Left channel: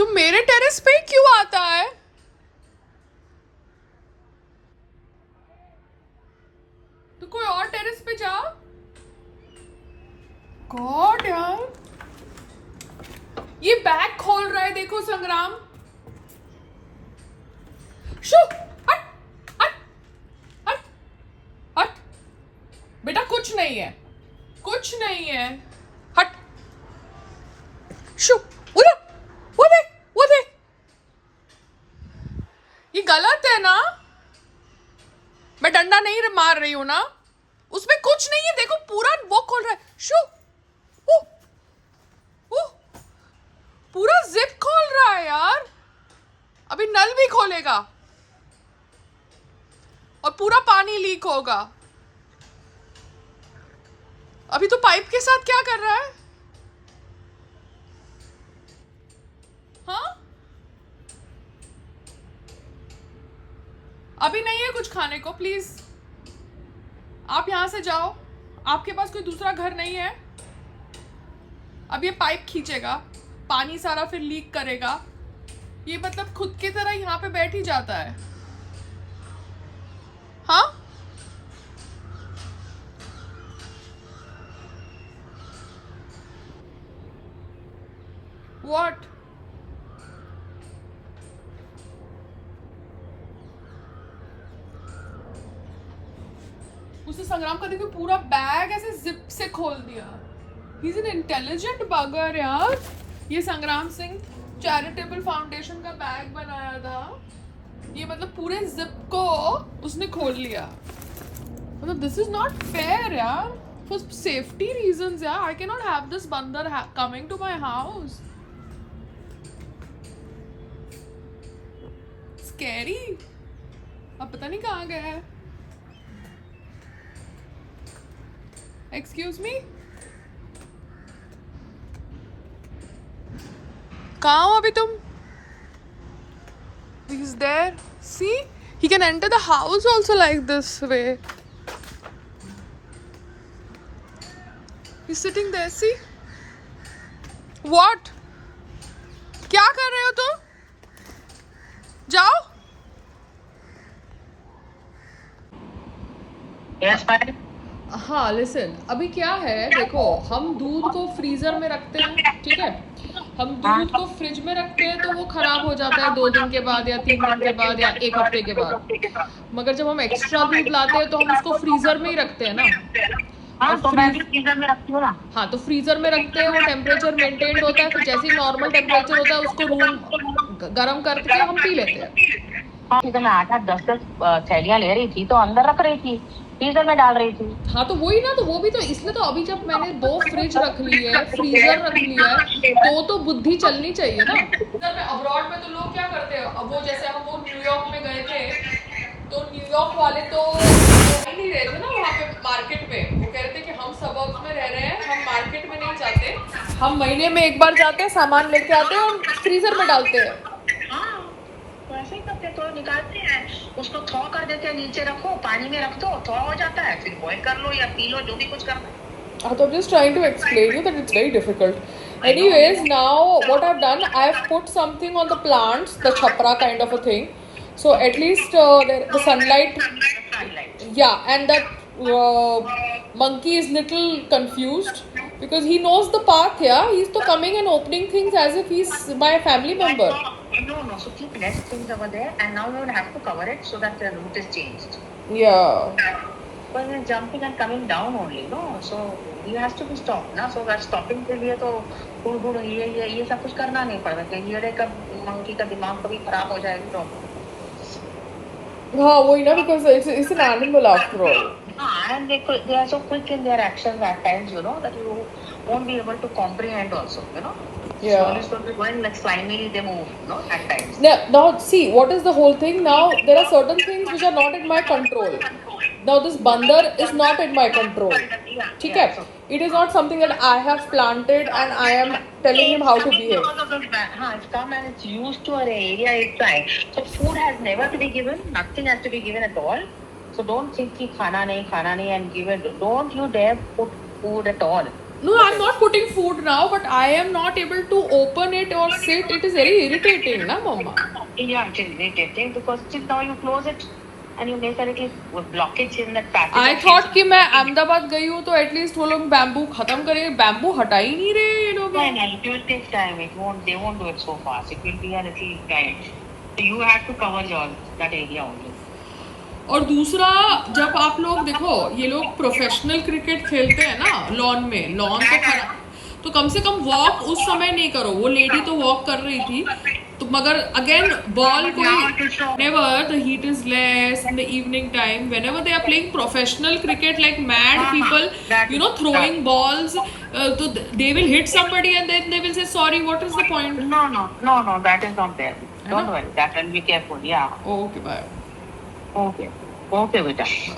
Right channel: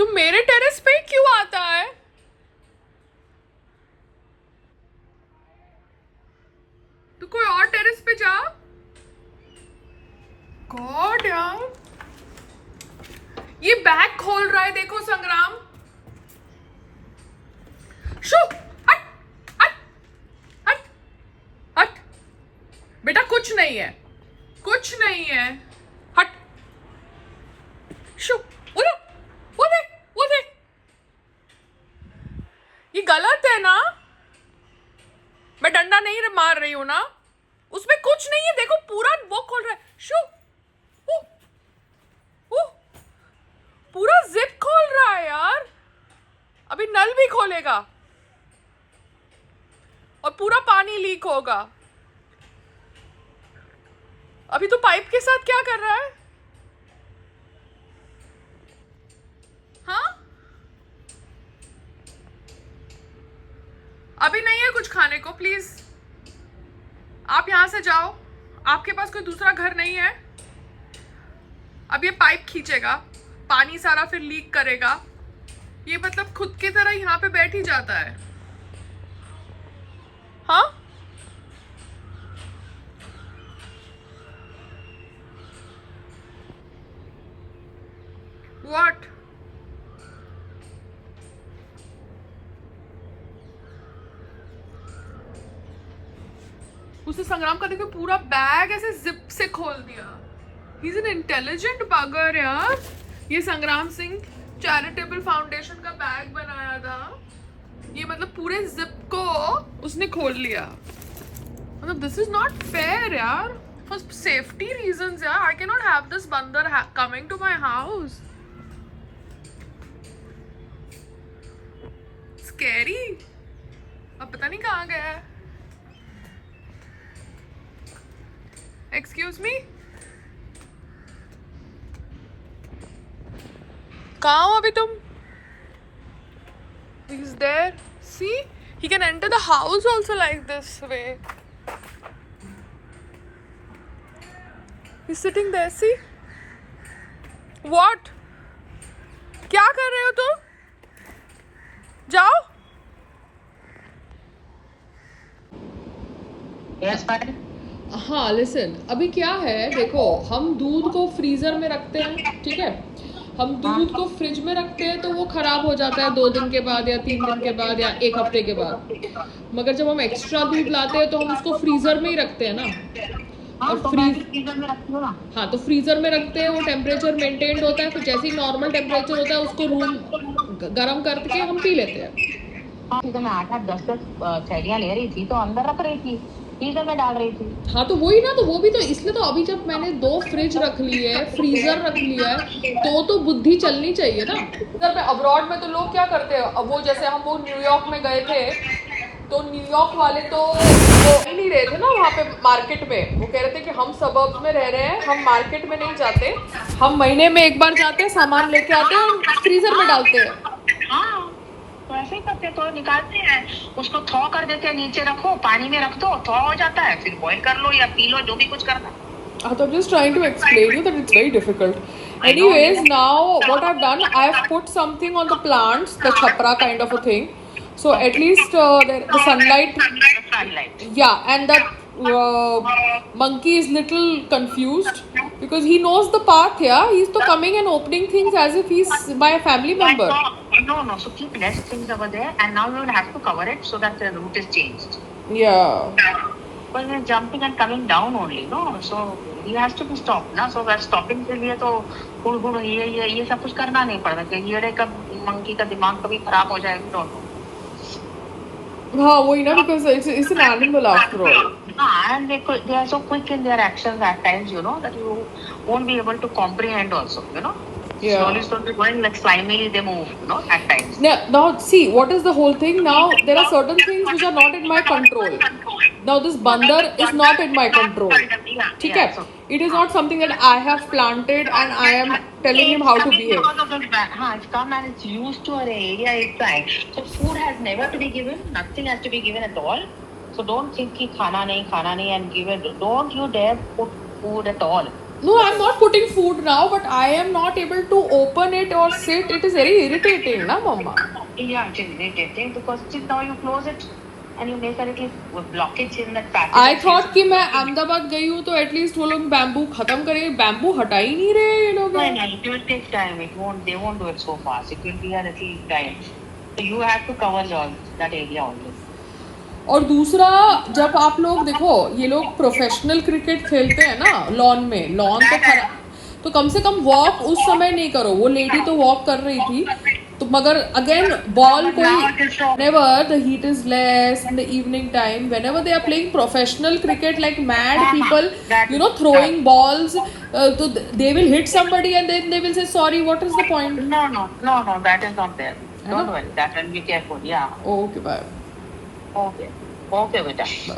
तुम मेरे टेरेस पे क्यों आता है? तू कोई और टेरेस पे जा। गॉड यार, ये बैग खोल रहा है, देखो संग्राम। शू, हट हट हट हट। बेटा कुछ नहीं है, कुछ नहीं है, हट। शू, वो देख, वो देख। ये गलत है ना? मैं डंडा नहीं मार रही हूं ना, उसमें कुछ नहीं है। देखो पूरा वो खोल रहा है। शू, ओ, ओ, पूरा जिप खोल रहा है यार। अभी नल भी खोलेगा और पूरा पानी लीक होगा। अभी तो पाइप के साथ क्या कर रहा है? हाँ, अभी नहीं है कुछ खाने को, प्लीज आप यहां से जाओ। आपके पास कोई दूसरा घर नहीं है? अब ये पाइप खींचेगा, पानी सारा फिर लीक करेगा। ये मतलब खुद की तरह यहाँ पे बैठ ही जाता है। हाँ, व्हाट? उसने संग्राम का देखो पूरा बैग ऐसे जिप से खोल दिया। ही इज एन इंटेलिजेंट बगर यार। ये संग्राम सिंह चैरिटेबल फाउंडेशन का बैग बनाया था। ये मतलब पूरे जिप को उसने खोल लिया। मतलब दिस इज नॉट फेयर यार। फॉर सेफ्टी रीजंस यार, I can not have this बंदर coming to my house. Scary. अब पता नहीं कहाँ गया है। एक्सक्यूज मी, कहाँ हो अभी तुम? He's there. See, he can enter the house also like this way. He's sitting there. See? What? क्या कर रहे हो तुम? जाओ। Yes, fine. हाँ लिसन, अभी क्या है देखो, हम दूध को फ्रीजर में रखते हैं, ठीक है। हम दूध को फ्रिज में रखते हैं तो वो खराब हो जाता है 2 दिन के बाद या 3 दिन के बाद या 1 हफ्ते के बाद। मगर जब हम एक्स्ट्रा दूध लाते हैं तो हम उसको फ्रीजर में ही रखते हैं ना। हाँ, और तो मैं भी फ्रीजर में रखती हूँ ना। हाँ, तो फ्रीजर में रखते हैं, वो टेम्परेचर मेंटेन्ड होता है। फिर जैसे ही नॉर्मल टेम्परेचर होता है उसको रूम गर्म करके हम पी लेते हैं। हाँ, तो मैं 8-10 थैलियाँ ले रही थी तो अंदर रख रही थी, फ्रीजर में डाल रही थी। हाँ, तो वही ना, तो वो भी तो इसलिए तो अभी जब मैंने 2 फ्रिज रख ली है, फ्रीजर रख लिया है, तो बुद्धि चलनी चाहिए ना। इधर में अब्रॉड में तो लोग क्या करते हैं, अब वो जैसे हम वो न्यूयॉर्क में गए थे तो न्यूयॉर्क वाले तो ही नहीं रहे थे ना वहाँ पे मार्केट में। वो कह रहे थे कि हम सबर्ब्स में रह रहे हैं, हम मार्केट में नहीं जाते, हम महीने में एक बार जाते हैं, सामान लेके आते हैं और फ्रीजर में डालते हैं। हाँ, तो ऐसे ही करते, तो निकालते हैं, उसको थॉ कर देते हैं, नीचे रखो, पानी में रख दो, थॉ हो जाता है, फिर बॉईल कर लो या पी लो, जो भी कुछ करना है। I'm just trying to explain you that it's very difficult. Anyways, now what I've done, I've put something on the plants, the chapra kind of a thing. So at least the sunlight, Sunlight. yeah, and that monkey is little confused because he knows the path. Yeah, he's to coming and opening things as if he's my family member. No, so keep less things over there, and now you will have to cover it so that the route is changed. Yeah. But he is jumping and coming down only, no? So he has to be stopped, ना? So that stopping के लिए तो हुड़ ये सब कुछ करना नहीं पड़ता कि ये का मंकी का दिमाग कभी खराब हो जाएगा तो। हाँ वही ना, because it's an animal after all. And they are so quick in their actions at times, you know, that you won't be able to comprehend also, you know. Yeah. Slowly going like slimily they move, you know, at times. Now see, what is the whole thing? Now there are certain things which are not in my control. Now this bandar is not in my control. ठीक है? It is not something that I have planted and I am telling him how to behave. हाँ, it's come and it's used to our area, it's like, so food has never to be given, nothing has to be given at all. So don't think कि खाना नहीं and give it. Don't you dare put food at all. No, I'm not putting food now, but I am not able to open it or sit. It is very irritating, na, Mama? Yeah, it's irritating because see, now you close it and you make a little blockage in that package. I thought कि मैं अहमदाबाद गई हूँ तो at least वो लोग bamboo खत्म करेंगे. Bamboo हटा ही नहीं रहे ये लोग. No, it will take time. They won't do it so fast. It will be a little time. So you have to cover that area also. और दूसरा, जब आप लोग देखो ये लोग प्रोफेशनल क्रिकेट खेलते हैं ना लॉन में, लॉन तो खराब, तो कम से कम वॉक उस समय नहीं करो. वो लेडी तो वॉक कर रही थी, तो मगर अगेन बॉल कोई, whenever the heat is less in the evening time, whenever they are playing professional cricket like mad people, you know, throwing balls, so they will hit somebody and then they will say sorry. What is the point? No, that is not there. Don't worry, that and be careful. Yeah. Okay, bye. Okay, beta. Bye.